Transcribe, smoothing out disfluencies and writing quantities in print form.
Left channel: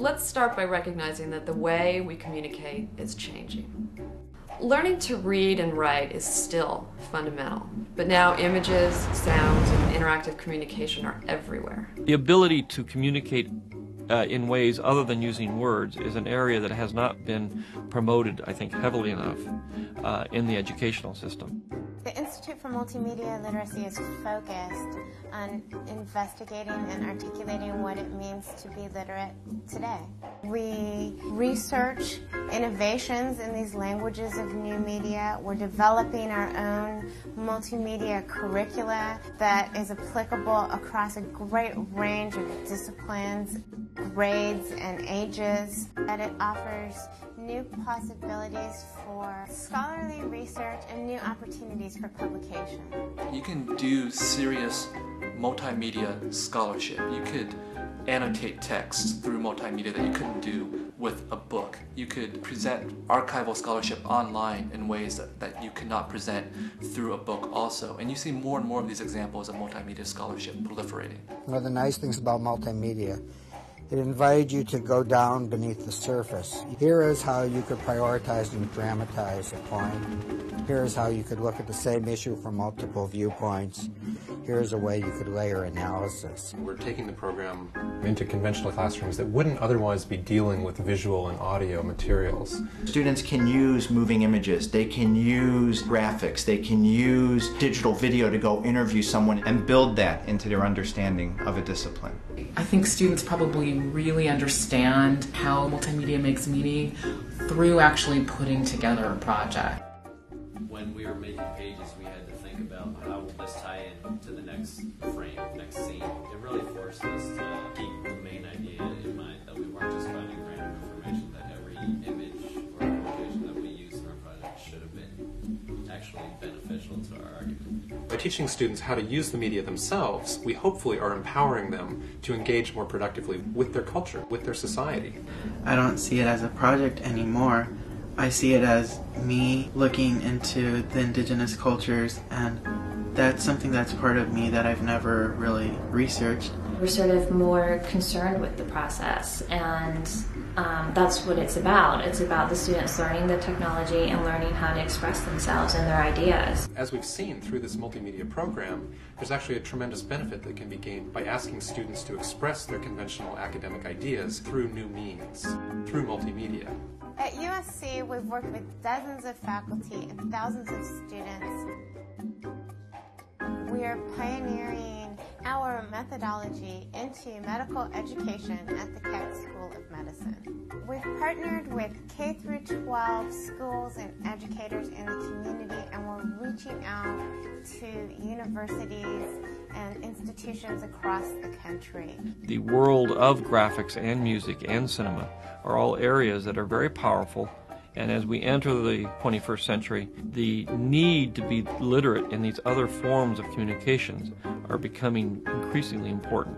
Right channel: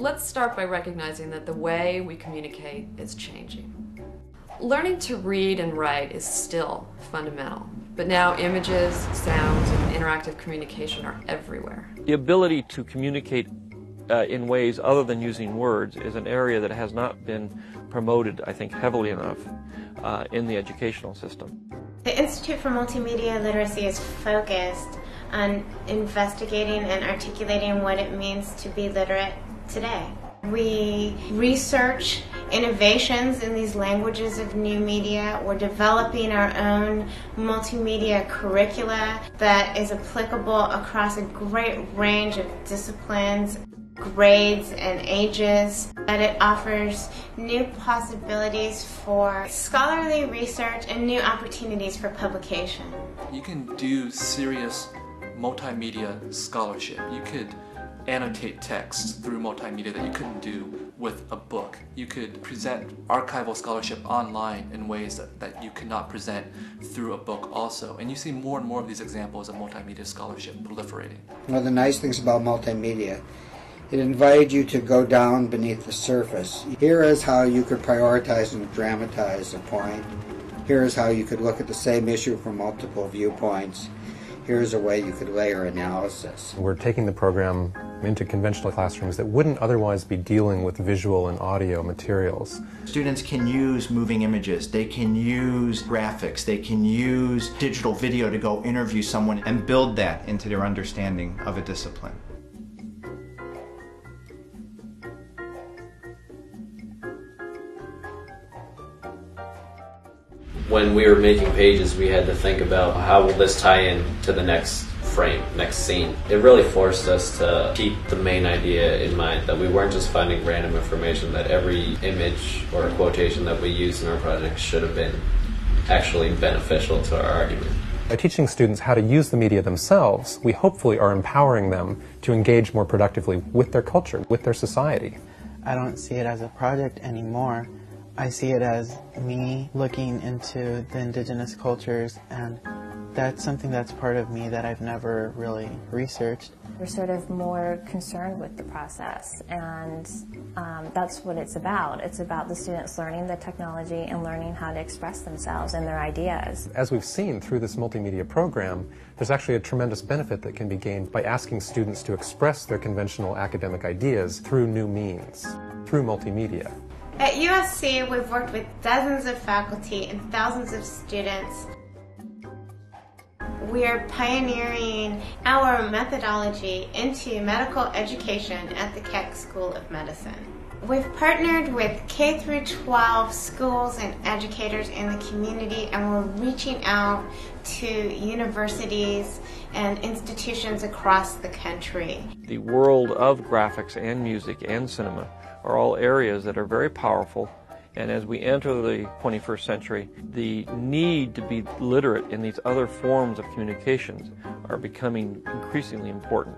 Let's start by recognizing that the way we communicate is changing. Learning to read and write is still fundamental, but now images, sounds, and interactive communication are everywhere. The ability to communicate in ways other than using words is an area that has not been promoted, I think, heavily enough in the educational system. The Institute for Multimedia Literacy is focused on investigating and articulating what it means to be literate today. We research innovations in these languages of new media. We're developing our own multimedia curricula that is applicable across a great range of disciplines, grades, and ages. And it offers new possibilities for scholarly research and new opportunities for publication. You can do serious multimedia scholarship. You could annotate text through multimedia that you couldn't do with a book. You could present archival scholarship online in ways that you could not present through a book also. And you see more and more of these examples of multimedia scholarship proliferating. One of the nice things about multimedia, it invited you to go down beneath the surface. Here is how you could prioritize and dramatize a point. Here is how you could look at the same issue from multiple viewpoints. Here's a way you could layer analysis. We're taking the program into conventional classrooms that wouldn't otherwise be dealing with visual and audio materials. Students can use moving images, they can use graphics, they can use digital video to go interview someone and build that into their understanding of a discipline. I think students probably really understand how multimedia makes meaning through actually putting together a project. When we were making pages, we had to think about how will this tie in to the next frame, next scene. It really forced us to keep the main idea in mind, that we weren't just finding random information, that every image or quotation that we used in our project should have been actually beneficial to our argument. By teaching students how to use the media themselves, we hopefully are empowering them to engage more productively with their culture, with their society. I don't see it as a project anymore. I see it as me looking into the indigenous cultures, and that's something that's part of me that I've never really researched. We're sort of more concerned with the process, and that's what it's about. It's about the students learning the technology and learning how to express themselves and their ideas. As we've seen through this multimedia program, there's actually a tremendous benefit that can be gained by asking students to express their conventional academic ideas through new means, through multimedia. At USC, we've worked with dozens of faculty and thousands of students. We are pioneering our methodology into medical education at the Keck School of Medicine. We've partnered with K-12 schools and educators in the community, and we're reaching out to universities and institutions across the country. The world of graphics and music and cinema are all areas that are very powerful, and as we enter the 21st century, the need to be literate in these other forms of communications are becoming increasingly important.